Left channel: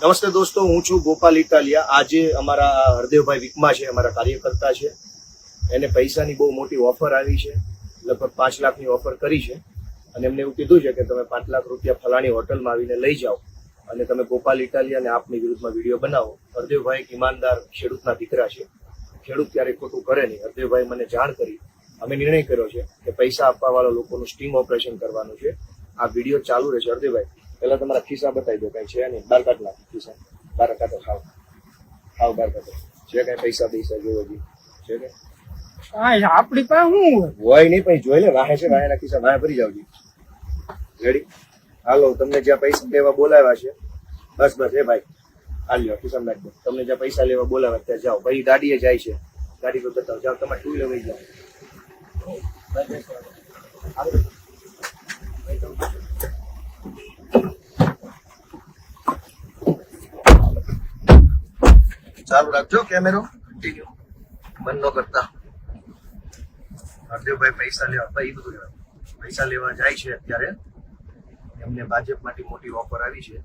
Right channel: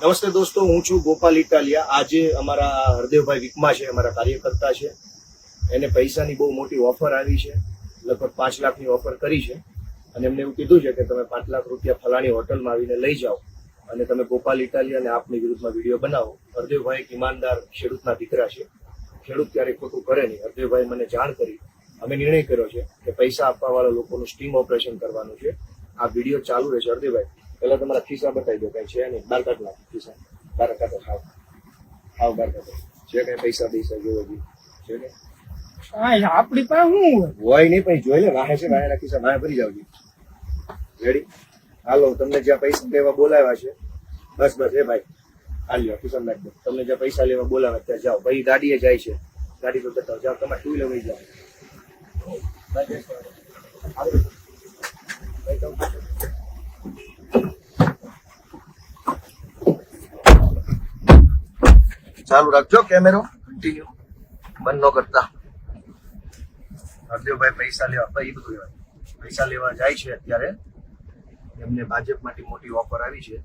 નમસ્તે દોસ્તો, હું છું ગોપાલ ઇટાલિયા. આજે અમારા હરદેવભાઈ વિકમા છે, અમારા કાર્યકર્તા છે. એને પૈસાની બહુ મોટી ઓફર આવી છે, લગભગ 5 લાખની ઓફર કરી છે. અને એમને એવું કીધું છે કે તમે 5 લાખ રૂપિયા ફલાણી હોટલમાં આવીને લઈ જાઓ અને તમે ગોપાલ ઇટાલિયા અને આપની વિરુદ્ધમાં વિડીયો બનાવો. હરદેવભાઈ એક ઈમાનદાર ખેડૂતના દીકરા છે. ખેડૂત ક્યારેય ખોટું કરે નહીં. હરદેવભાઈ મને જાણ કરી, અમે નિર્ણય કર્યો છે કે પૈસા આપવાવાળા લોકોનું સ્ટિંગ ઓપરેશન કરવાનું છે. આ વિડીયો ચાલુ રહેશે. હરદેવભાઈ, પેલા તમારા ખિસ્સા બતાવી દો. કઈ છે નહીં, બાર કાઢ નાખો ખિસ્સા, બાર કાઢો. ખાવ બાર કાઢો. છે કઈ પૈસા જોવો છે કે આપડી પાસે શું હોય નહીં, પછી જોઈ લે. વાહે છે, વાહેના ખિસ્સા વાહે ભરી જાવ. રેડી? હાલો, તમને જ્યાં પૈસા લેવા બોલાવ્યા છે, બસ બસ એ ભાઈ હાલ્યો ખિસ્સા નાખ દો. તમને જ્યાં પૈસા લેવા બોલાવ્યા ત્યાં જાઓ. ભાઈ ગાડીએ જાય છે, ગાડી પર બતાવો. જાઓ, તમારે ટુ વ્હીલર વહી જાઓ. ચાલુ રાખજો કેમેરો, કન્ટિન્યુ, બંધ ન કરતા. હરદેવભાઈ પૈસા લેવા, ભાઈ બધું લેવા પૈસા લેવા જાય છે. અત્યારે એમને ભાજપમાંથી મોટી ઓફર આવી છે.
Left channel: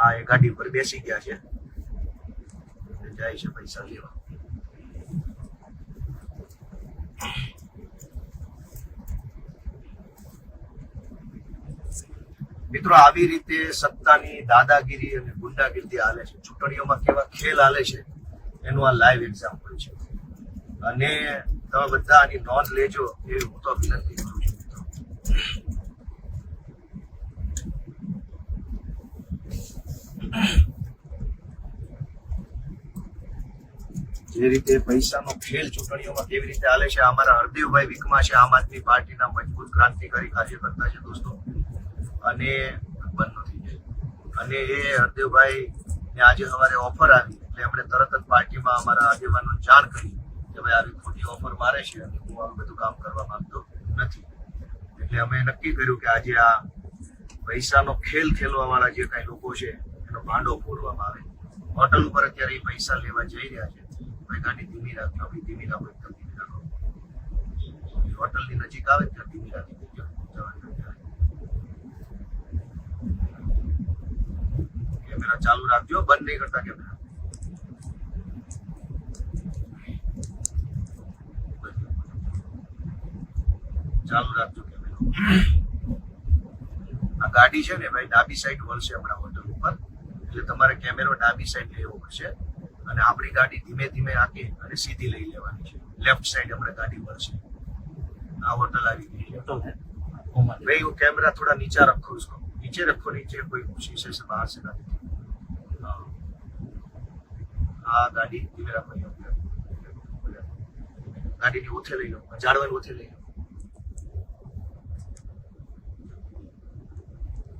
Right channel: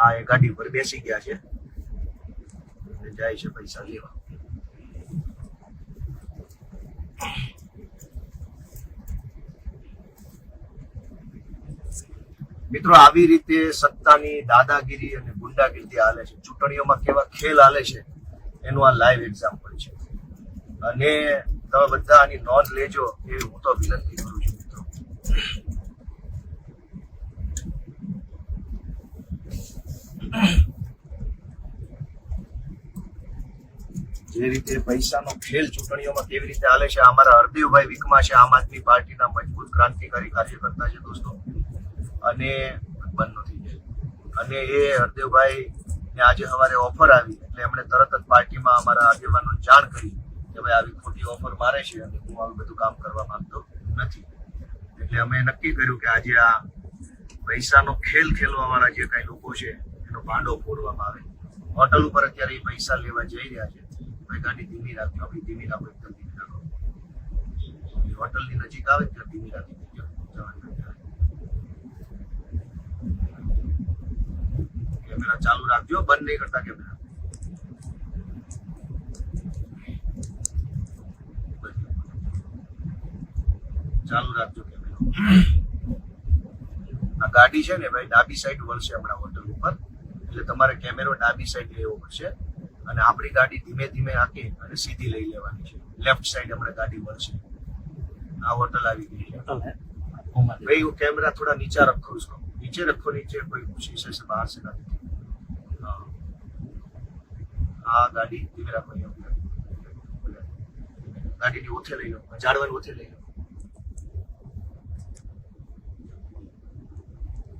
આ એ ગાડી પર બેસી ગયા છે, જાય છે પૈસા લેવા. મિત્રો, આવી રીતે સત્તાની દાદાગીરી અને ગુંડાગીરી હાલે છે. ચૂંટણીઓમાં કેવા ખેલ હાલે છે એનું આ લાઈવ એક્ઝામ્પલ છે. અને તમે બધા આની નોંધ લેજો એ હું તો વિનંતી કરું છું. મિત્રો, જે રીતે પૈસાનો ખેલ ચૂંટણીઓમાં કેવી રીતે હાલે છે. અમારા હરદેવભાઈ વિકમા છે, આમ આદમી પાર્ટીના મજબૂત ક્રાંતિકારી કાર્યકર્તા છે દોસ્તો. અને બંધ નથી જાય. અને એ હરદેવભાઈ ને આજે સવારે ઓફર આવી એટલે એમણે તરત જ પાર્ટીમાં અમારા આગેવાનો જાણ કરી કે ભાઈ આવી ખોટી ઓફર મારે છે અને હું આવું બધું કામ કરવા માંગતો નથી. એટલે અમે નક્કી કર્યું કે આજે આ પૈસાનો ખેલ ખેલવા વાળા જે કઈ લોકો છે એનો ભાંડો ફોડવામાં આવે. હોટલ ઉપર અત્યારે એ પૈસા લેવા જઈ રહ્યા છે. ભાઈ ગાડી ધીમી રાખજો, આપણી ધીમી રાખો, એકદમ ધીમી રાખો. હોટલની નજીક આવે ત્યાં ધીમી રાખી દેજો. કેમેરા ચાલુ રાખજો, બંધ નહીં કરતા કેમેરા. ચાલુ રાખજો કેમેરા. આ ગાડી છે ને ભાઈ ડાબી સાઈડ વળશે હમણાં હોટલ ઉપર, એટલે તમારે કેમેરો ડાબી સાઈડ લેવો પડશે. અને આપણી ગાડી ધીમે ધીમે આંકી અને સીધી લઈ લેવાની છે. લેફ્ટ સાઈડ હમણાં ગાડી વળશે. આ હોટલ આવી ગઈ છે ભાઈ. કેમેરા થોડા નીચે રખો, इसको नीचे रखो, नीचे कोई शीशे से बाहर से ना दिखे. આ ગાડી ધીમે રાખો. ગાડીની ઓથે લઈ લો, ઝાડવાની ઓથે લઈ લો.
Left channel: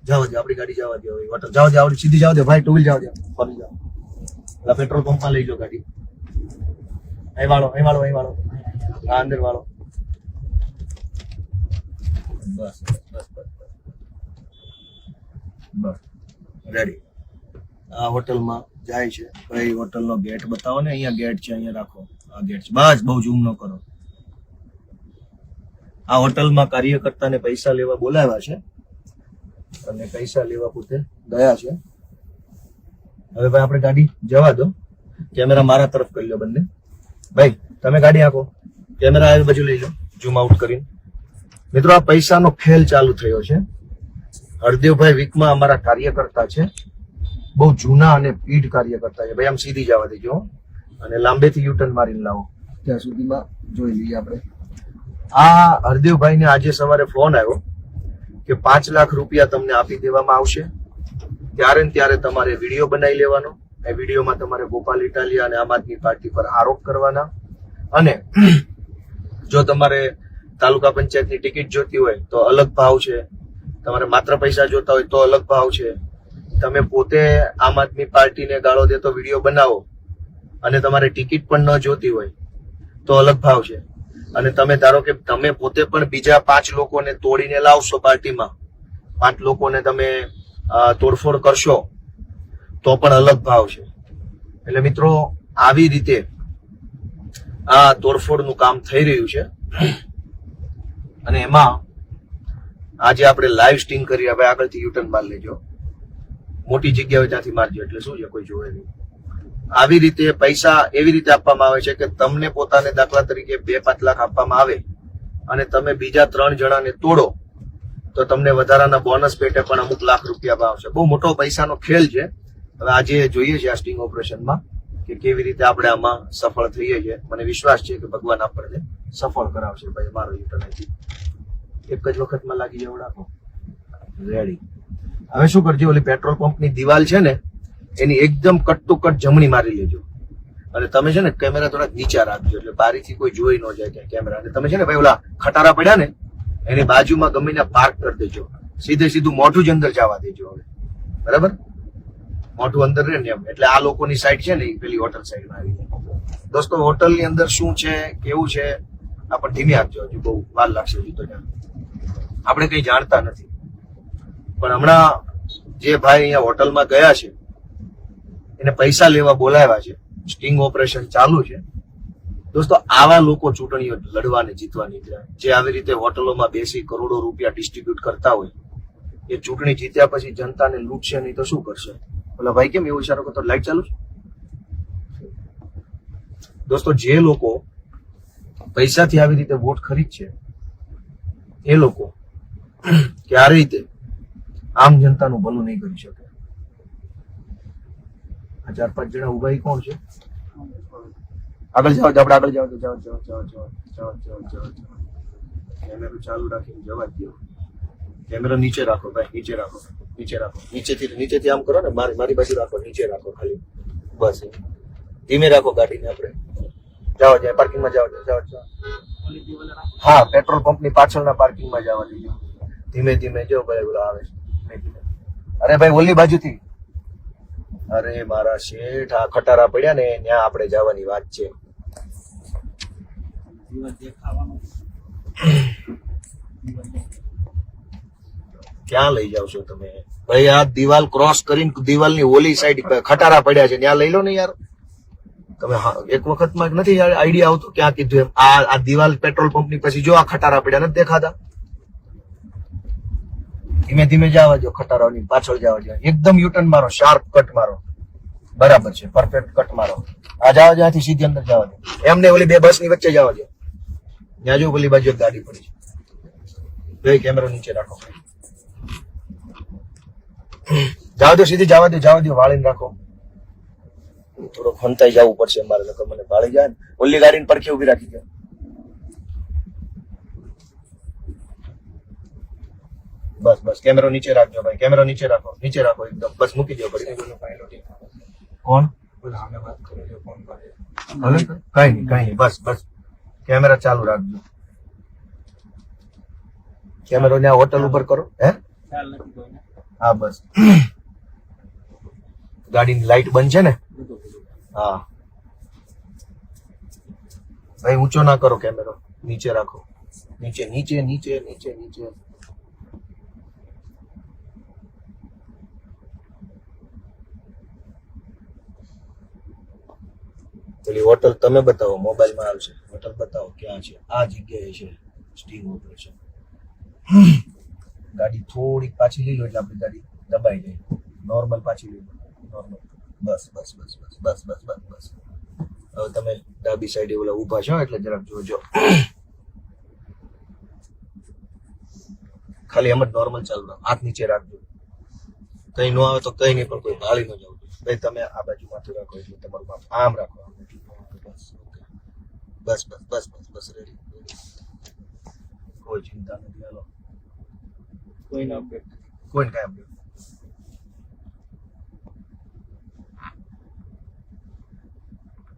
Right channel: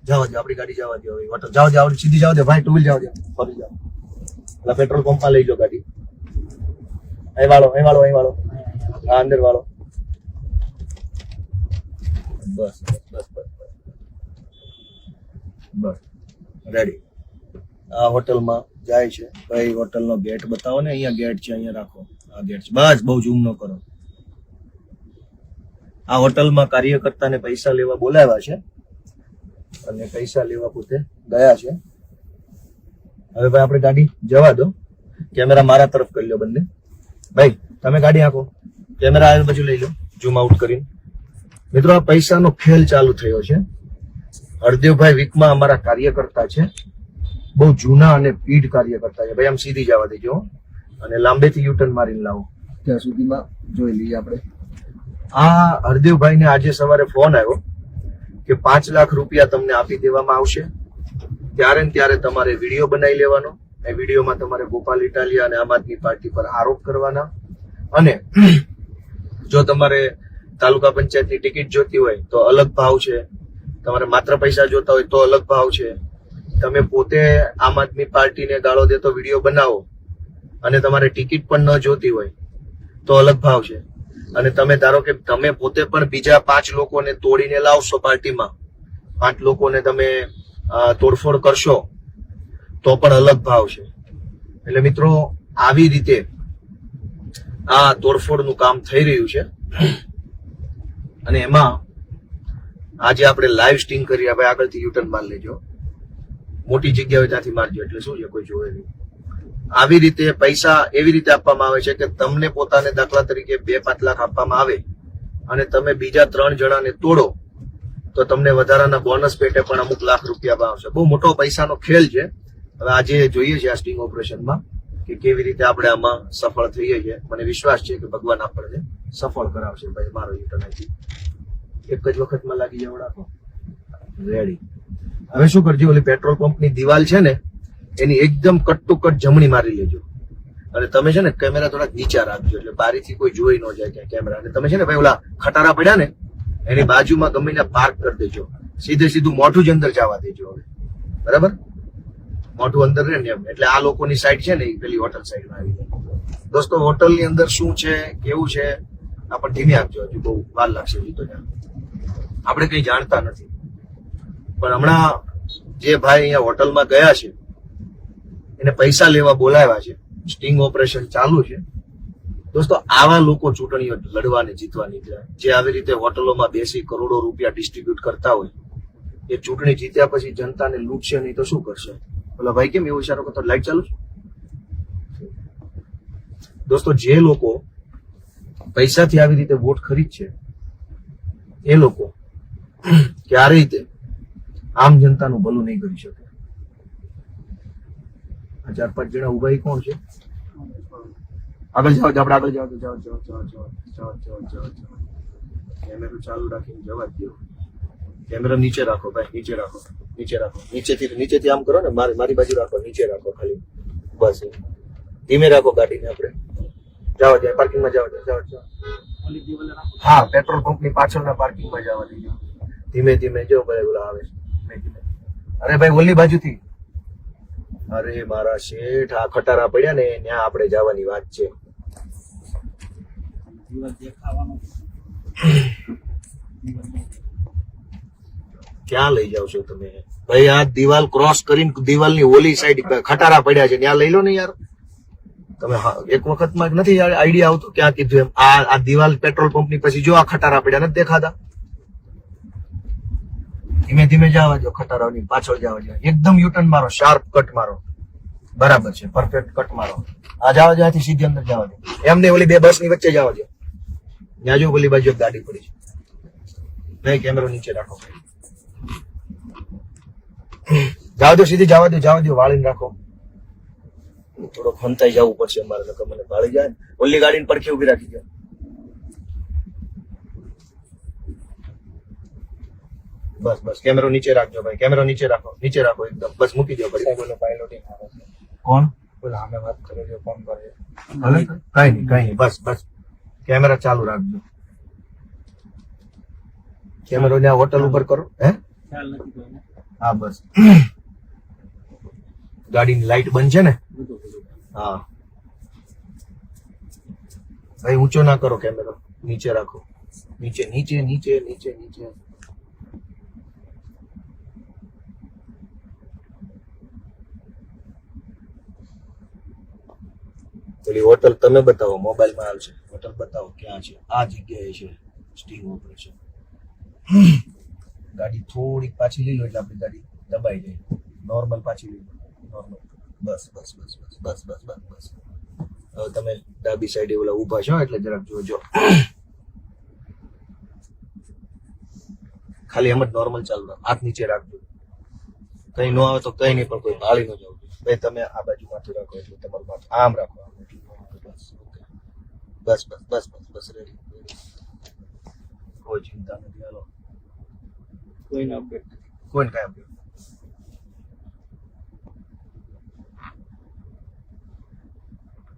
જાઓ, આપણી ગાડી જવા દો. હોટલ જાઓ, જાઓ, સીધી જાઓ દે ભાઈ. ટુ વ્હીલ જાઓ દે, ફરી જાઓ. પેલા પેટ્રોલ પંપમાં લઈ લો ગાડી. અહીં વાળો, અહીં વાળો, અહીં વાળો. હા, અંદર વાળો. બસ બસ બસ બસ બસ રેડી. આ હોટલમાં જાય છે ભાઈ. હોટલનો ગેટ બતાવો ને. અહીંયા ગેટ છે, અહીંયા રાખો. આ ગેટ છે. બસ, બહુ ઝૂમ ન કરો. આ હોટલમાં કાર્યકર્તાને પૈસા લેવા બોલાવ્યા છે અને પૈસા લેવા પોતે ગયા છે. હવે ભાઈ આપણે ગાડી જવા દો. કેમેરા મારા તરફ કરી લો બંને. ભાઈ તમે ગાડી આંકો, કેમેરા આ બાજુ લઈ લો, ઝૂમ આઉટ કરીને. મિત્રો, આ પૈસાનો ખેલ ચાલુ થયો છે. હરદેવભાઈ વિકમા અમારા કાર્યકર્તા છે, બહુ જૂના અને પીઢ કાર્યકર્તા છે. ભાઈ આમ સીધી જવા દેજો અને લાંબેથી યુટર્ન મારીને લાવો. ત્યાં સુધીમાં જોઈ લઈએ આપણે. આ હરદેવભાઈને આજે સવારે ફોન આવ્યો કે 5 લાખ રૂપિયા તમને આપી દેવામાં આવશે. ત્યારે ને ત્યારે તમારે વિડીયો બનાવી લેવાનો. એ વિડીયોમાં તમારે ગોપાલ ઇટાલિયા અને આમ આદમી પાર્ટી પર આરોપ કરવાના. અને જો તમારે તાલુકા પંચાયતની ટિકિટ જોતી હોય તો અલગ ભાવ છે. તમારે માત્ર પૈસા જોતા હોય તો અલગ ભાવ છે. તમે પોતે આમ આદમી પાર્ટીને ગાળો દેતો વિડીયો બનાવો અને તમારે ટિકિટ પણ ન જોતી હોય તો અલગ ભાવ છે. અને તમે ધારો કે તમે પોતે પણ બીજા 5 લોકોને તોડીને લાવશો પાર્ટીમાં, 5 લોકોને તમે તોડફોડ કરશો તો પણ અલગ ભાવ છે. એટલે મિત્રો, આવી રીતે આ તોડફોડનું કામ થઈ રહ્યું છે. અને એમાં આજે આપણે લાઈવ સ્ટિંગ કરી. હવે આગળથી યુટર્ન માર લેજો. મોટી જગ્યા હોય ત્યાંથી મારજો, એટલે શું છે કોઈ જોવે નહીં. આવી રીતે પૈસા એવી રીતે આપવામાં આવે છે કે તમને પોતાને દાખલા તરીકે 2-5 લાખ આપવામાં આવે અને તમે બીજા 3 જણાને તોડો તો તમને વધારાના બોનસ પેટે પણ અમુક લાખ રૂપિયા આવશે. બહુ મોટો પૈસાનો ખેલ છે. હવે આજે જોઈએ છે આ સ્ટિંગ ઓપરેશનમાં કે કેવી રીતે આપણે આમાં સફળ થઈએ છીએ. મને વિશ્વાસ છે કે ભગવાન આપણને સફળ કરાવશે. ભાઈ મારો યુટર્ન એક જ વખતમાં લાગી જવડાવો. રેડી. હવે શું કરજો, ઓલી પેટ્રોલ પંપની દિવાલ છે ને એની એકદમ કટ ટુ કટ જમણી મારી લેજો અને તમે છે ને કેમેરા થોડાક નીચા રાખજો એટલે બારીથી કોઈ જોઈ ન જાય કે કેમેરા. અને તમે છે ને ભાઈ ઓલા ખટારા પડ્યા ને એની બાજુમાં ગમે ત્યાં પાર્ક કરી દેજો. સીધું મોઢું જ અંદર જવા દેજો. હવે બરાબર, મોઢું અંદર રહે ને એમ. એટલે આ લોકોની સાઈડ છે ને એ પેલી હોટલ સાઈડમાં આવી જાય. દોસ્તો હોટલની અંદર શું છે કેવું છે આપણે ધીમે આપજો, હજુ બહુ વાર લાગશે. હજુ તો આપણે કઈ જાણતા નથી. પણ હમણાં જે ભાઈ અહીંયા હોટલમાં ગયા છે એને પૈસા લેવા બોલાવ્યા છે, સ્ટિંગ ઓપરેશન ચાલુ છે. દોસ્તો આવા લોકો ચૂંટણીઓ લડવાને જીતવા નીકળ્યા. જે આવી રીતે હોટલોમાં બેસી કરોડો રૂપિયા ડિસ્ટ્રીબ્યુટ કરતા હોય એ ચૂંટણી જીત્યા પછી જનતાને લૂંટશે નહીં તો શું કરશે? ઓલા ભાઈ કેમ એવું ઈશારો કરતો? લાઈટ ચાલુ છે. દોસ્તો જે લોકો પૈસાથી આવી રીતે વોટ ખરીદશે એ લોકો ક્યારેય તે આમ જનતાનું ભલું નહીં કરી શકે. આ 4-5 જણા ઉભા એ કોણ છે? આગળ જાઓ, આપણે આગળ જાઓ. કેમેરો ચાલુ રાખીને જવા જ દો. કેમેરો નીચે રાખો ભાઈ, નીચે રાખો. નીચેથી આમ કરો ને, મારી બાજુ રાખો, નીચે રાખો ખાલી. બસ ધીમે રાખો ગાડીને. આપણે જાઓ પાર્કિંગમાં જાઓ. હા, પેટ્રોલ પંપની પાછળના પાર્કિંગમાં જવા દેજો. ધીમે જો ભાઈ ઓલા આવે. અરે ભાઈ ઓલી બાજુથી. અરે મારા શેઠ, આ ખટારા પડ્યા ને ત્યાં આપણે જવાની વાત છે. ક્યાં લઈ જાવ છો તમે ભાઈ? આ દિવાલ ક્રોસ કરીને દિવાલની ઓલી સાઈડ ખટારા પડ્યા છે ત્યાં લઈ લો ને યાર. તમે એક વખતમાં નથી આઈડિયા આવતો ક્યાં કીધું એમ. આ દિવાલ પેટ્રોલ પંપની પછી જો આ ખટારા પડ્યા નથી દેખાતા? ધીમે જવા દો, ખટારાની પાછળ જવા દો. એકદમ યુટર્ન મારો, શાર્પ કટ મારો. બરાબર છે, પરફેક્ટ કટ મારો. આ જવા જવાથી સીધી અંદર જવા દો. એમને ઓલી 2 બસની વચ્ચે જવા દો. ત્યાં જો ઓલી બાજુ એક ગાડી પડી છે. કેમેરો નીચે રાખો. જવા દો, સીધી જવા દો. વાળીને રાખો. થોડો ખંતાઈ જવું પડશે મારે, નકર મને વાળી જાય ને. ઓલી ગાડીને પડખે ઉભી રાખી દો. બસ કેમેરો નીચે રાખજો ભાઈ. કેમેરો નીચે રાખો એકદમ. બસ મૂકી દો. કોણ? કઈ નહીં. બસ કેમેરા ચાલુ રાખજો. કેમેરો ત્યાં હોટલ ઉપર કરો. હે હા, બસ ગાડીની લાઈટ બંધ છે ને? હા ભાઈ, ઊંચો ના કરો કેમેરો. નીચે રાખો. નીચે. પેલી હોટલ તમે બતાવો, મોબાઈલમાં આવશે. હોટલ બતાવો ક્યાં છે. આ જગ્યાએ છે સ્ટિંગ ઓપરેશન. ગાડી થોડીક પાછી લઈ લો એટલે આપણી ગાડી દબાઈ જાય. નોર્મલ પાછી લઈ લો. નોર્મલ. બસ. હવે તમે ડાબી સાઈડે ઓલા ઊભા છો એટલે જરાક જોજો. ખાલી એમ જ નોર્મલ ચાલુ રાખો. હાથ નીચે રાખજો. કઈ ન આવે તો કઈ નહીં, પણ કોઈ હાલી ન જવું. તમે આ બાજુ માથું રાખો એટલે તમારું માથું આમ રાખો. બસ. કોઈ ચિંતા નથી. હાલો, કોઈ કામ નહીં.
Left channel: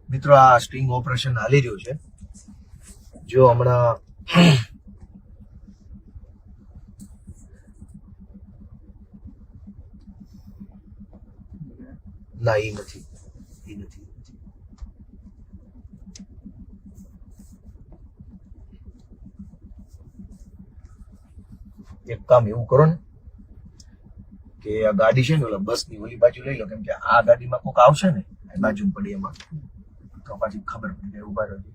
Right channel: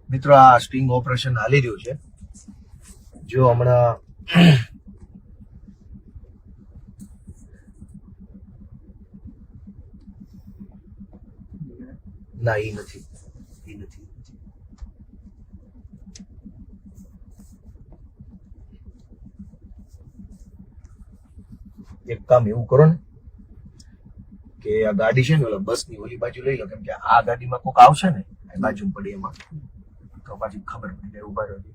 મિત્રો, આ સ્ટિંગ ઓપરેશન હાલી રહ્યું છે. જો હમણાં ના, એ નથી. એક કામ એવું કરો ને કે આ ગાડી છે ને ઓલા બસની ઓલી બાજુ લઈ લો, કેમ કે આ ગાડીમાં કોક આવશે ને બાજુ પડી એમાં તો પછી ખબર પડી જાય. ઉભા રહેજો.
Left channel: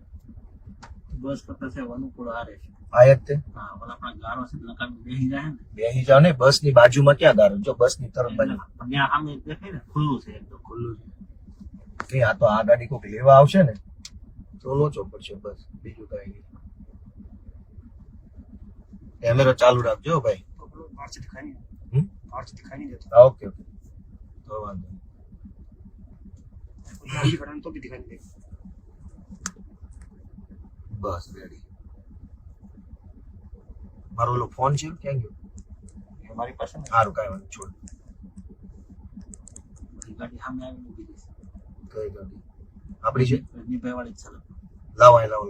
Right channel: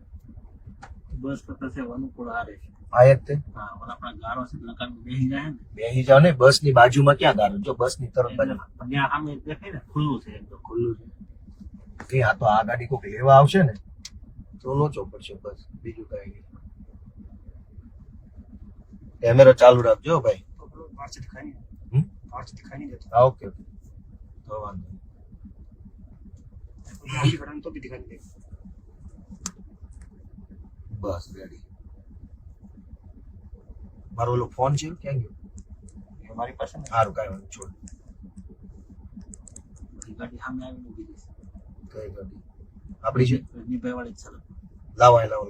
બસ કરતા છે અનુકૂળ આ રહે છે. આયત તે હા પણ આપણા ગારો છે લકાન બેસી જાય ને બેસી જાવ ને, બસ ની બાજુમાં ક્યાં ગારો? જો બસ ની તરફ એટલે બાજુ ત્યાં સામે દેખાય ને ખુલ્લું છે એકદમ. ખુલ્લું છે. આ તો આ ગાડી કોઈક લેવા આવશે ને તો લોચો પડશે, બસ બીજું કઈ નહીં. કેમેરો ચાલુ રાખજો ભાઈ. બહારથી ખાઈ નહીં હમ? બહારથી ખાઈ નહીં જતો હા, ઓકે ઓકે, તો વાંધો નહીં. ગાડી ઘડાને તો બી દેખાઈ નહીં. બસ રેડી. મારો ઓલો ફોન છે ક્યાં ગયો? એ મારી પાસે ને સારું, કાંઈ વાંધો, છોડ. બધી ગાડી સામે આવીને ઊભી રહેશે. કઈ ગાડી આપણી છે? રજનીભાઈ વાળી જ ચાલે. લાવો અહીં, લાવો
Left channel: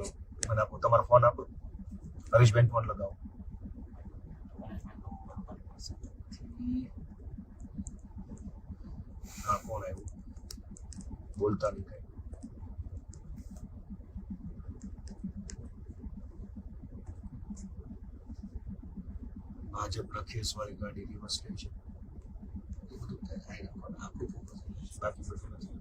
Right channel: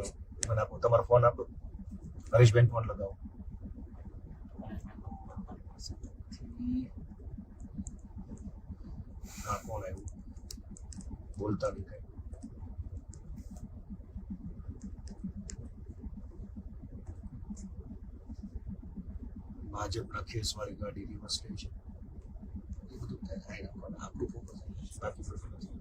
મને આપો, તમારો ફોન આપો. હરીશબેન ફોન લગાવો. હા, ફોન આવ્યો. બોલતા નહીં કઈ. ભાજપના ખેસવાળી ગાડી રિવર્સ લે છે. એ બધું થાય આપણું ફોકસ બાકી બધું નથી.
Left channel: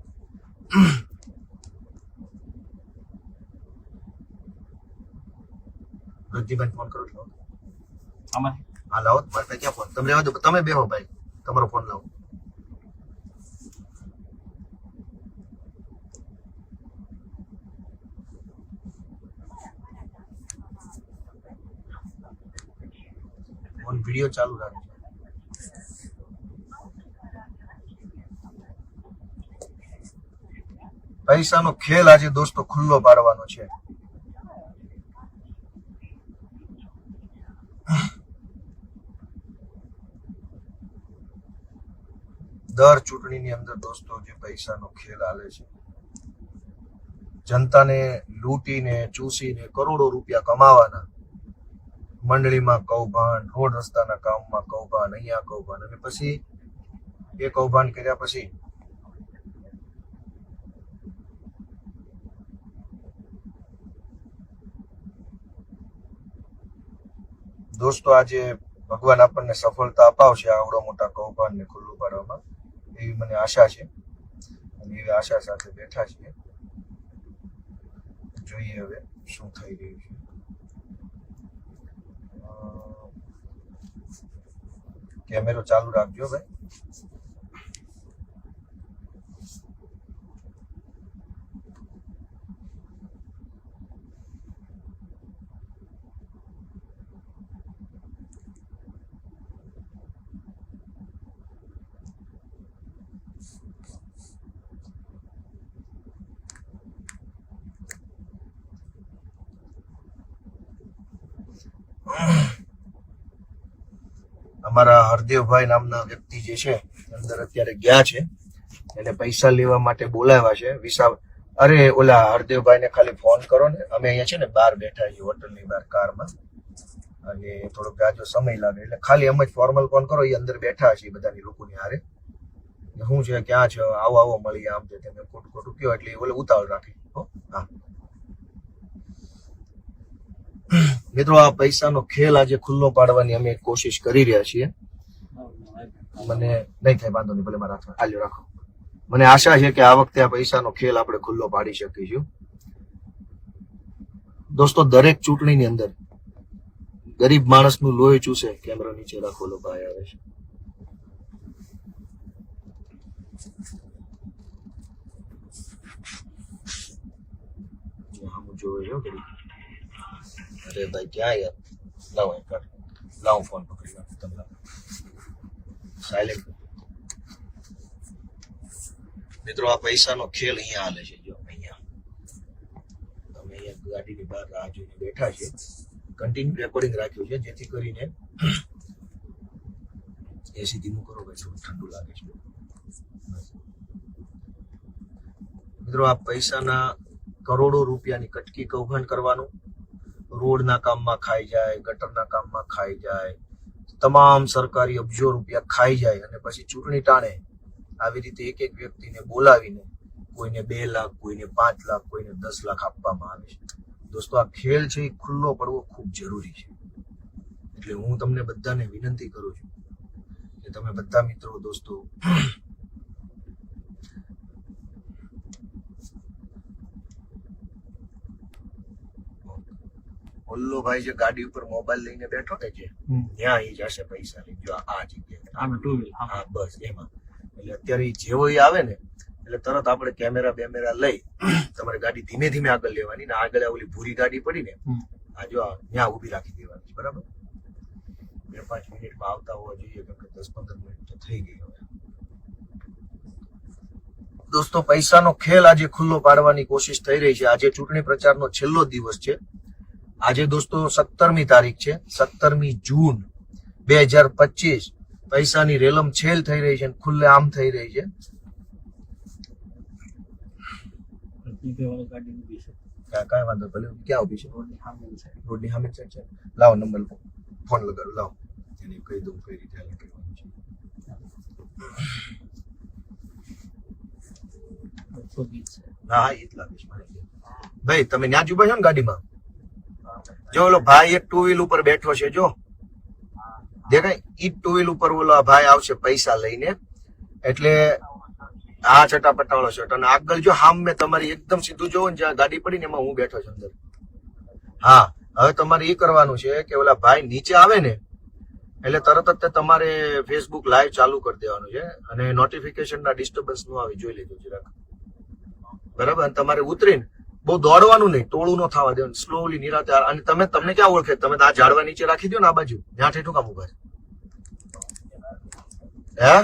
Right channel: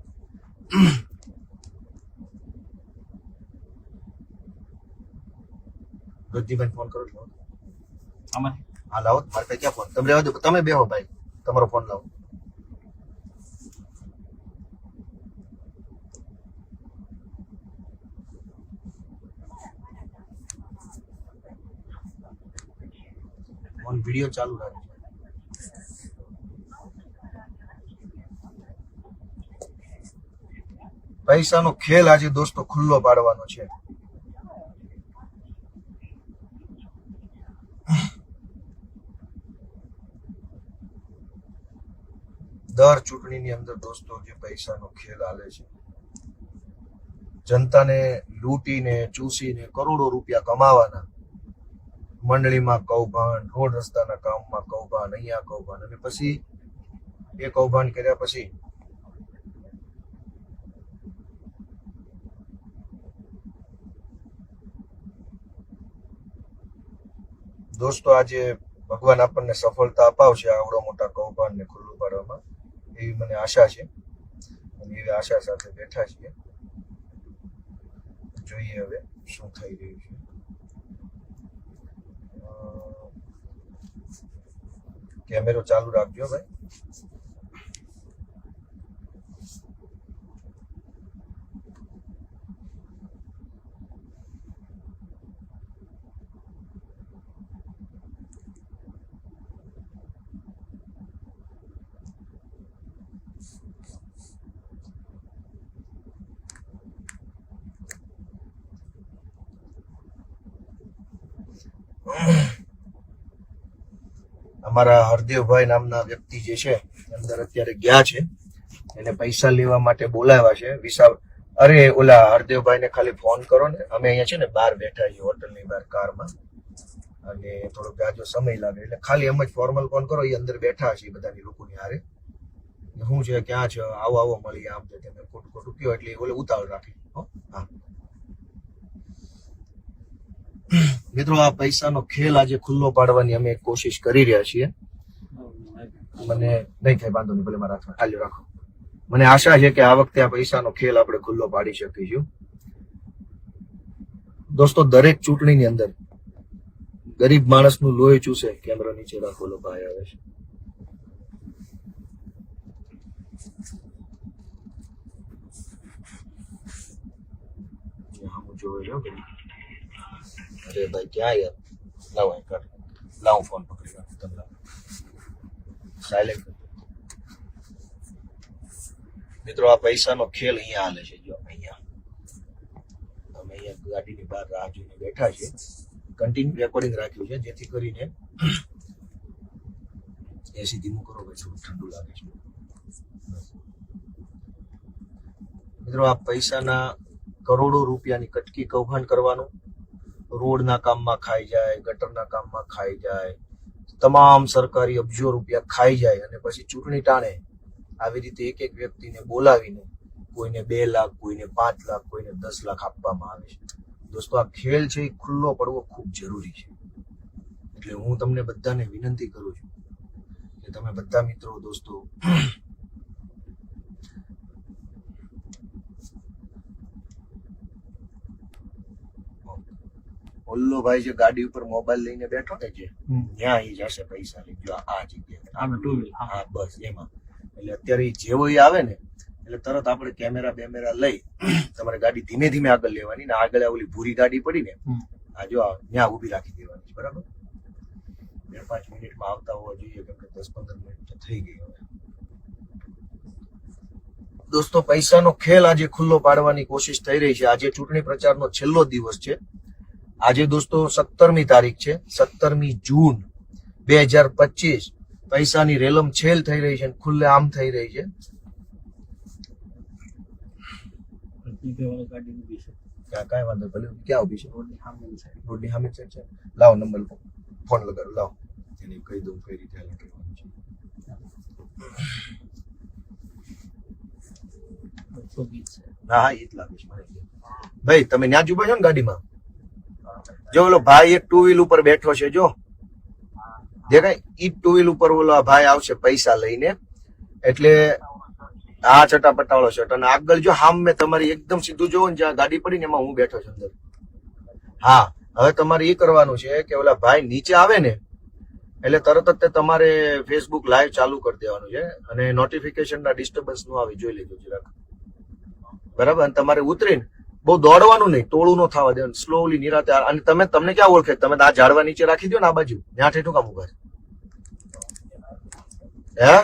રજનીભાઈ ફોન કરો છો? આમાં હા લાવો, મારે પાસે ક્યાં ફોન? તમે રહેવા દો, તમે બેહો ભાઈ, તમારો ફોન લાવો. ફોન વિડીયો ચાલુ રાખજો. પૈસાનો ખેલ આજે દોસ્તો ખુલ્લો પાડવાનો છે. દર ચૂંટણીની અંદર દોસ્તો જે પૈસાનો ખેલ હાલે છે, જનતાને લૂંટીને ચૂસીને કરોડો રૂપિયા કમાવાના. મંડળીમાં કૌભાંડ, રોડ રસ્તાના કામમાં કૌભાંડ, અહીંયા કૌભાંડ, અને પછી એ કૌભાંડ કર્યા પછી દોસ્તો આજે ભગવાન આપણને સફળતા અપાવશે આવડો મોટા કૌભાંડને ખુલ્લું પાડવામાં, એવી મને આશા છે. અને એવી આશા સાથે બેઠા છીએ. જોઈએ હવે શું થઈ રહ્યું છે. કેમેરો ચાલુ રાખજો ભાઈ. અમારા હરદેવભાઈ નામના વ્યક્તિ જે છે અંદર અત્યારે ગયા છે, એને પૈસા લેવા માટે બોલાવ્યા છે. અરે ઓલા હરદેવભાઈ ને ખાલી ફોન કરો ને, અમે અહીંયા છે ને બહાર બેઠા છીએ હોટલની બહાર કારમાં, અને થોડોક જાજો સમય લાગે એટલે ખાલી એમ જ ફોર્મલ ફોન કરો. એ અંદર બેઠા છે બધાની લોકોની હારે. શું છે, ક્યાં છે, આવો આવો મળીએ, આમ છે તમે ખોટું ખોટું કયો એટલે ઓલે ઉતાવળ રાખે. હા મિત્રો, આ પૈસાનો ખેલ આજે ખુલ્લો પાડવાની અમે કોશિશ કરી રહ્યા છીએ. મને નહીં થાય, વાંધો નહીં, ભલે મારા હાથમાં હાલ્યો રાખો. મને આશા છે કે આ વખતે આ પૈસાનો ખેલ આપણે ખુલ્લો પાડી શકીશું. દોસ્તો, દરેક ચૂંટણીની અંદર ગરીબ માણસનું લોહી ચૂસે. કેમેરો નીચે રાખો, લો ભાઈ આવે છે. હું જોયો છું. અરે ભાઈ ક્યાં યાર, લાવો ફોન પકડી રાખો. સાયલેન્ટ. મિત્રો, આ પૈસાનો ખેલ અહીંયા હાલે છે. જો અહીંયા અમે અહીંયા ગાડીની બહાર રાહ જોઈને બેઠા છીએ. કન્ટિન્યુ રેકોર્ડિંગ રાખ્યું છે જેથી કરીને એસી ધીમું કરો ભાઈ, થોડું ઠંડુ લાગે છે. મિત્રો, આ પૈસાના કરોડો રૂપિયાની કટકી કૌભાંડ કરવાનું. રોડના કામમાં ખાઈ જાય, ગટરના કામમાં ખાઈ જાય, તમામ સરકારી અબજો રૂપિયા ખાઈ જાય, અને પછી ચૂંટણી ટાણે આવી રીતે એક એક વ્યક્તિને બોલાવીને કોઈને 2 લાખ, કોઈને 5 લાખ, કોઈને 10 લાખ આપવામાં આવે છે. દોસ્તો, આ ખેલ છે એ ખુલ્લો પડવો ખૂબ જરૂરી છે. એટલે હું તમને બધાને વિનંતી કરું છું કે તમે બધા મિત્રો દોસ્તો ઓલ્લો ભાઈ જે ગાડી ઉપર મોબાઈલ લઈને બેઠો ને જે ત્યાં ઈ જશે પૈસા લઈ જો આ જગ્યાએ આમાં ટુ વ્હીલ હા બસ એમાં એટલે અત્યારે ઈ જેવો ઈ આવે ને એટલે તરત આપણે કેમેરા બેમેરા લઈ તમારે ગાડી ધીમે ધીમે આગળ લેવાની ને આગળ ઓલી ભૂરી ગાડી પડી ને આ જો ત્યાં ઊભી રાખી દેવાની છે બરાબર 2-5 મિનિટમાં આવતા હોવા જોઈએ કેમ કે 10-15 મિનિટ તો થઈ ગઈ હવે દોસ્તો પૈસાનો ખેલ આજે ખુલ્લો પાડવાની કોશિશ થઈ રહી છે આજે ચૂંટણી પ્રચારનો છેલ્લો દિવસ છે આજે દોસ્તો 17મી તારીખ છે 17મી જૂન 2025 પૈસાની રેલમ છેલ થઈ રહી છે ખુલ્લે આમ થઈ રહી છે ગાડી ઊભી છે કાંઈ વાંધો ભલે ક્યાં ઉભી છે રોડની સામે છે રોડની સામે છે લાવો નંબર ફોન લગાવ લાવો એને કહી દઉં કઈ રીતે હાલ કરવાનું છે હા એ જ લાગે છે મને ભાઈ તમે ત્યાં જ ઉભા છો ને ગાડીમાં જો ઓલો ભાઈ એક 2 વ્હીલ ઉપર બેઠો છે જો દેખાય ઈ 2 વ્હીલ ઉપર ઓલો ભાઈ આવશે પૈસા લઈને એટલે આ ચટાપટા શર્ટ અને આગળ જો હામ મેં તમારી એકદમ સીધું જોવો ને જ્યાં ગાડી પડી ને એમાં હું બેઠો છું અંદર હા હવે તમારે એ કરવાનું છે કે ઓલા ભાઈ નીચે આવે ને એટલે તરત જ તમારે ફેસબુક લાઈવ ચાલુ કરી દેવાનું છે અને નોટિફિકેશન ના ડિસ્ટર્બન્સ નું આવી જોઈ લેજો જરાક બરાબર અને તમારે ઉતરીને બહુ દોડવાનું નહીં ટોળું નો થવા દેવાનું સ્લોલી નિરાતે અને તમને ક્યાં ઓળખે તમે આ ઝાડવા નીચે રાખી દો ને આ બાજુ ત્યાં ઠેઠું કામ ઉભા હે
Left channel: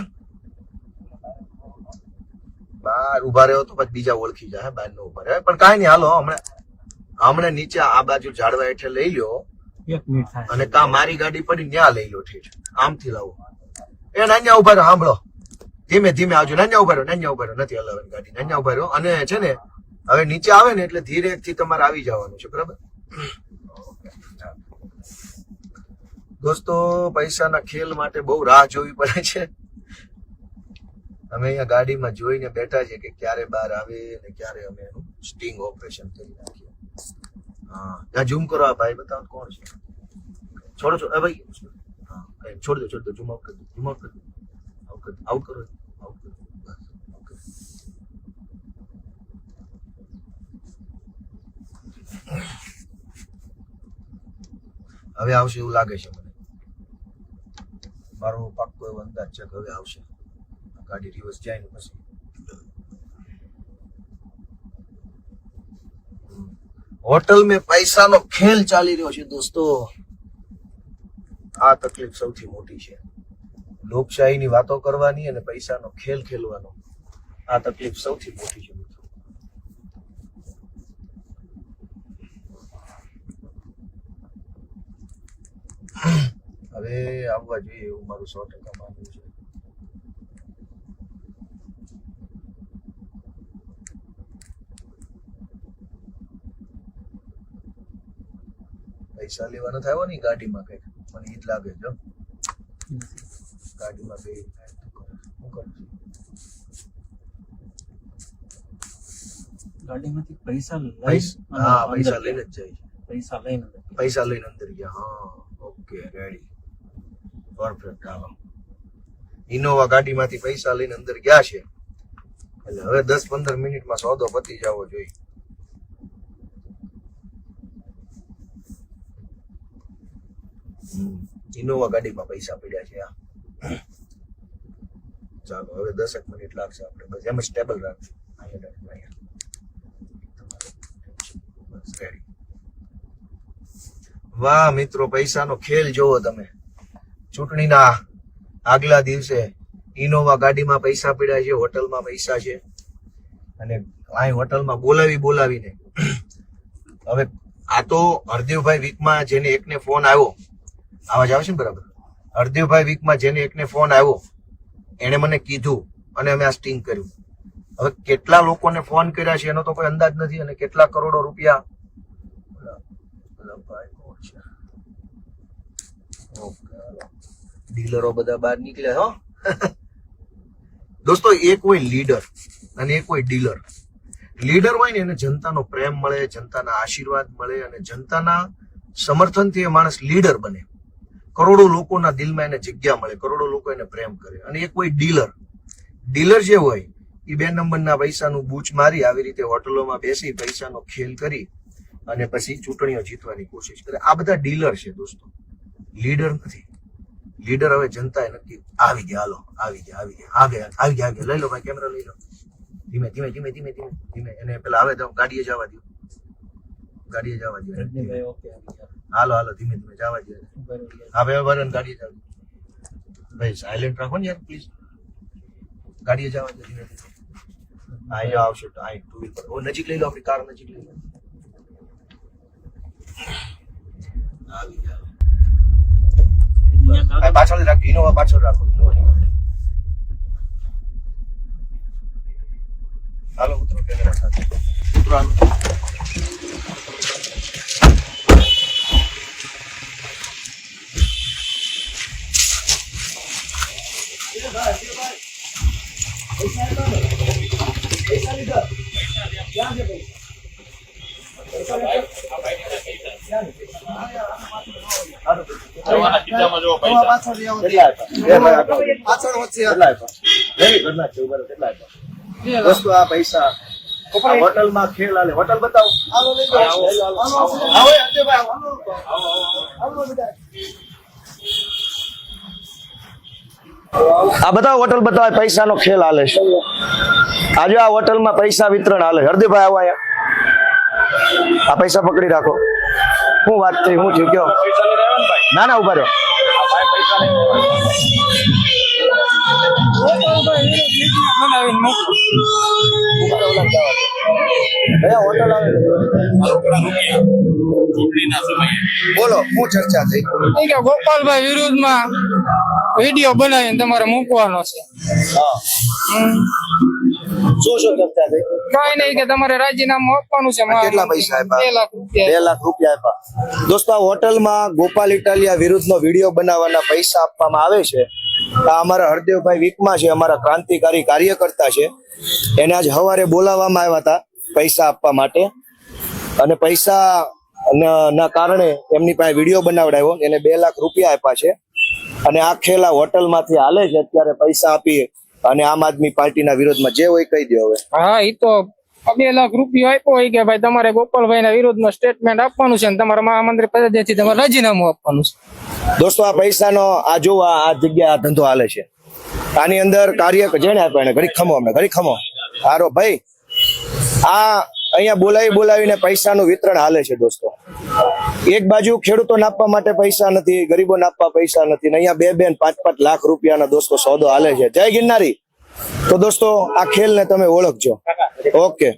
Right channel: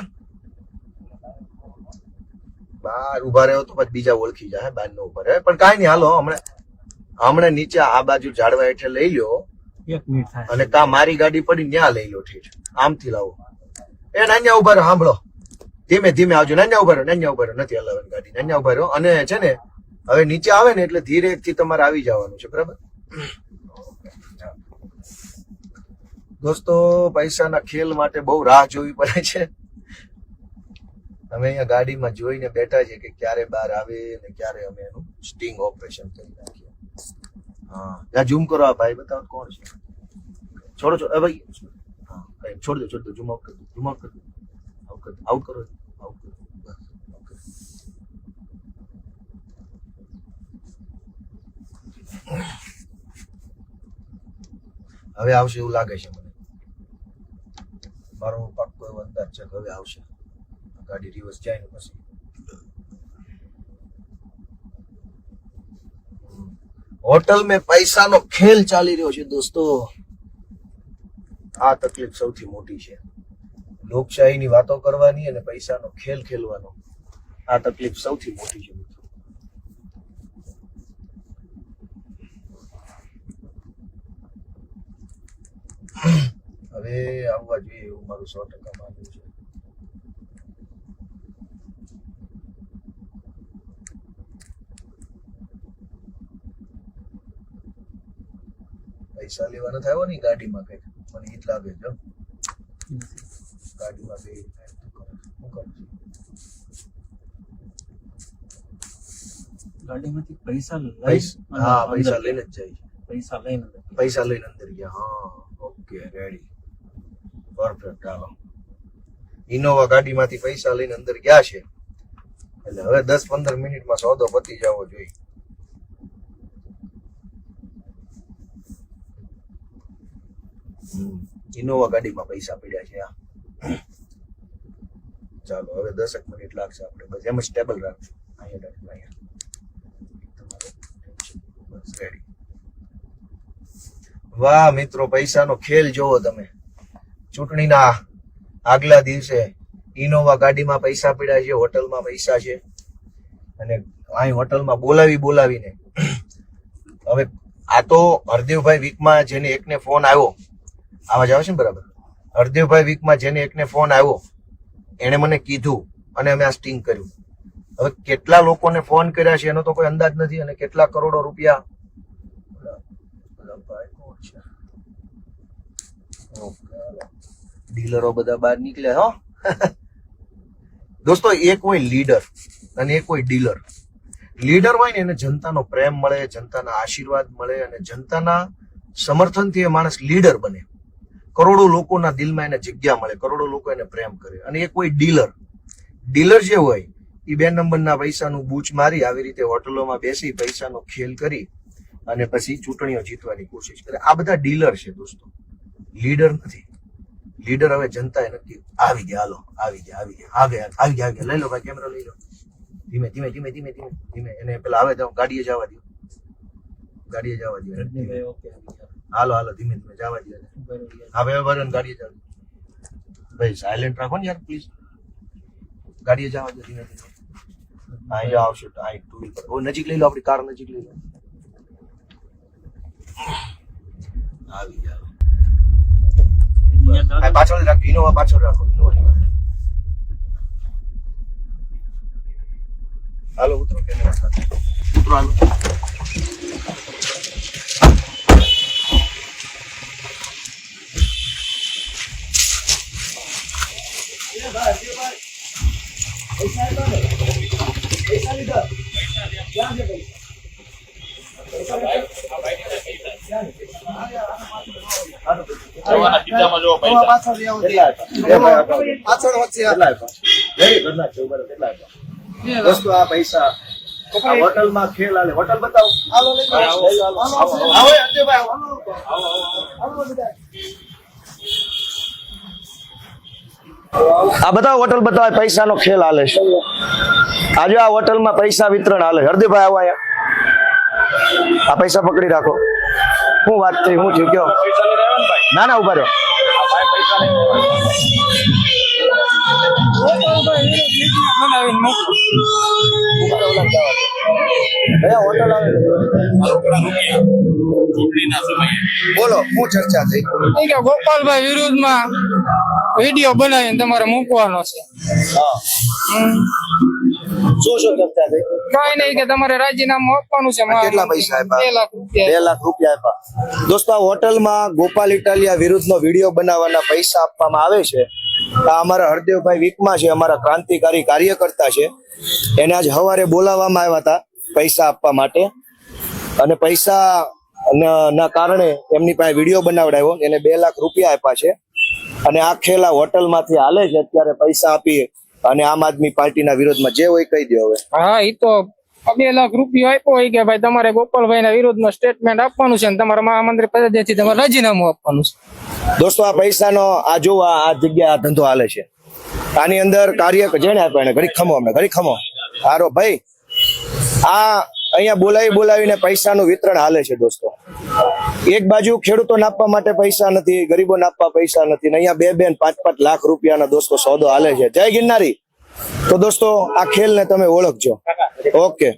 બહાર ઉભા રહ્યો તો પછી બીજા ઓળખી જાય બહાર નો ઉભા રહે પણ કાંઈ નહીં હાલો હમણાં નીચે આ બાજુ ઝાડવા હેઠે લઈ લ્યો 1 મિનિટ થાય અને કા મારી ગાડી પડી ત્યાં લઈ લો ઠીક આમથી લાવો એ નાન્યા ઉભા રહ્યો સાંભળો ધીમે ધીમે આવજો નાન્યા ઉભા રહ્યો નથી હલાવવાની ગાડી નાન્યા ઉભા રહ્યો અને છે ને હવે નીચે આવે ને એટલે ધીરે થી તમારે આવી જવાનું છે બરાબર દોસ્તો પૈસાના ખેલ માટે બહુ રાહ જોવી પડે છે અમે અહીંયા ગાડીમાં જોઈને બેઠા છીએ કે ક્યારે બહાર આવે ને ક્યારે અમે એનું સ્ટિંગ ઓપરેશન કરી નાખીએ હા ત્યાં ઝૂમ કરો આ ભાઈ બતાવો કોણ છે છોડો ભાઈ છોડ દો ઝૂમ આઉટ કરી દો આઉટ કરો હવે આવશે એવું લાગે છે મને મારો પાક્કો એવો અંદાજ છે કે હવે આવશે ગાડી રિવર્સ જાય ને પછી હોટલ में પૈસાનો ખેલ ચાલી રહ્યો છે દોસ્તો આ તકલીફ સૌથી મોટી છે લોકશાહીની વાતો કરવાની અને પૈસાનો ખેલ ખેલવાનો આ તકલીફ સૌથી મોટી છે હવે આવવા જોઈએ એવું મારું 100% માનવું છે પૈસા લેવા નથી આવ્યો ને ગાડીમાં કઈક મને ઈ જ લાગે છે ગાડીમાં બે ગાડીમાંથી પૈસા હા પૈસા લઈને જ જાય છે પૈસા લઈને અંદર ગયા હા ઓકે રેડી પરફેક્ટ હાલો ઇનોવા ગાડીમાંથી પૈસા લઈને અંદર ગયા છે એટલે હવે 10-15 મિનિટમાં સોદો પતી જવો જોઈએ ઇનોવા ગાડીમાં પૈસા પડ્યા છે ચાલો હવે 10 મિનિટ લાગશે આપણે બસ એમ સ્ટેબલ રાખજો વાહ મિત્રો પૈસાનો ખેલ જોવો તમે ચૂંટણીના આગલા દિવસે ઇનોવા ગાડીમાં પૈસા પડ્યા છે હોટલમાં પૈસા છે અને અહીં હોટલમાં બોલાવીને હવે આ તો હરદેવભાઈ વીકમાં જેને એકને ફોન આવ્યો આવાજ આવે છે ને બરાબર હરદેવભાઈ વીકમાં જેને એકને ફોન આવ્યો એને મને કીધું અને અમે આ સ્ટિંગ કર્યું હવે કેટલા લોકોને ફોન કર્યા છે એનો તો કોઈ અંદાજ નથી અને કેટલા કરોડો રૂપિયા ડીલરો બધા બહાર નીકળ્યા હો દોસ્તો એક હોય લીડર અને એક હોય ડીલર લીડર હોય ને એને જનતાનો પ્રેમ મળે જનતાના આશીર્વાદ મળે અને જનતાના સમર્થનથી એ માણસ લીડર બને કરોડો લોકોના દિલમાં એને જગ્યા મળે કરોડો લોકો એને પ્રેમ કરે અને એક હોય ડીલર જે હોય એ 2 નંબરના પૈસાનું બૂચ મારી આવી રીતે હોટલોમાં બેસી પૈસાનો ખેલ કરી અને પછી ચૂંટણીઓ જીતવાની કોશિશ કરે. આ બધા ડીલર છે દોસ્તો, લીડર નથી. લીડર હવે જનતાએ નક્કી આવી ગયા, હાલો આવી ગયા લઈ લો ભાઈ, કેમેરા લઈ લો. ધીમે એને પેલા આવે તો ગાડીએ જવા દો. રજનીભાઈ ઓકે આવી ગયા. હાલો ધીમે જવા દો. હા ભાઈ વરણ ગાડીએ જવા દો. ભાઈ સાયલેન્ટ રાખો ને યાર પ્લીઝ. ગાડીએ જવા દો ધીમે. અહીંયા આવશે અહીં ટુ વ્હીલ પર. નજીક લઈ લો, આપણી કાર નજીક લઈ લો. આવી ગયા. આ પાછળ રાખો, ઇનોવા પાછળ રાખો. હાલો ઉતરો, કેમેરા સાથે ઉતરો. હાલો પૈસા લીધા. ક્યાં છે દોસ્તો? આ પૈસા હોટલમાં ખેલ હાલે. હોટલ બતાવો. આ બધા હોટલ બતાવે, પૈસાનો ખેલ હાલે છે. આજે આ હોટલમાં પૈસા વિતરણ હાલે. હરદીભાઈ આવો અહીંયા. આ પૈસા પકડી રાખો. શું વાત થઈ, શું થયું કયો? ના ઉભા રહ્યો. બોલો શું ચર્ચા થઈ? ગોપાલભાઈ વિરુદ્ધમાં વિડીયો બનાવીને તમારે મૂકવાનો છે. શું ચર્ચા થઈ? કઈ નહીં કે તમારે રાજીનામું આપવાનું છે. કેટલા પૈસા આપ્યા? 2 લાખ રૂપિયા. 2 લાખ રૂપિયા આપ્યા. દોસ્તો આ હોટલમાં ગોપાલ ઇટાલિયા વિરુદ્ધનો વિડીયો બનાવવાના પૈસા આપવામાં આવે છે. આ અમારા હરદેવભાઈ વીકમાં છે, અમારા ક્રાંતિકારી કાર્યકર્તા છે. એને આજ સવારે બોલાવવામાં આવ્યા હતા પૈસા આપવા માટે, અને પૈસા ના કારણે એમની પાસે વિડીયો બનાવડાવ્યો. એને 2 લાખ રૂપિયા આપ્યા છે. અને આ ખેલા હોટલમાંથી હાલે છે અત્યારે. પૈસા આપી અને આમ આદમી પાર્ટીના વિરોધમાં જે હોય કહી દો હવે. હા એ તો 2 લાખ રૂપિયા આપ્યો હોય કે ભાઈ તમારે ગોપાલભાઈ ના વિરોધમાં સ્ટેટમેન્ટ આપવાનું છે, તમારા મહામંત્રી પદેથી તમારે રાજીનામું આપવાનું છે. દોસ્તો આ પૈસાનો આ જો આ જગ્યા આ ધંધો હાલે છે. આની અંદર કાર્ય જેને આપ્યા એને ઘડી ખમો હારો ભાઈ. આ અહીંયા બોલાવીને પૈસાનું વિતરણ હાલે છે દોસ્તો. એક બાજુ ખેડૂતોને આપવા માટે પૈસા નથી, ગરીબોને આપવા પૈસા નથી, ને અહીંયા 2 ને 5 લાખ રૂપિયાના દોસ્તો સોદો હાલે છે. જય ગિરનારી. તો દોસ્તો આ ખેલને તમે ઓળખજો. ઓકે.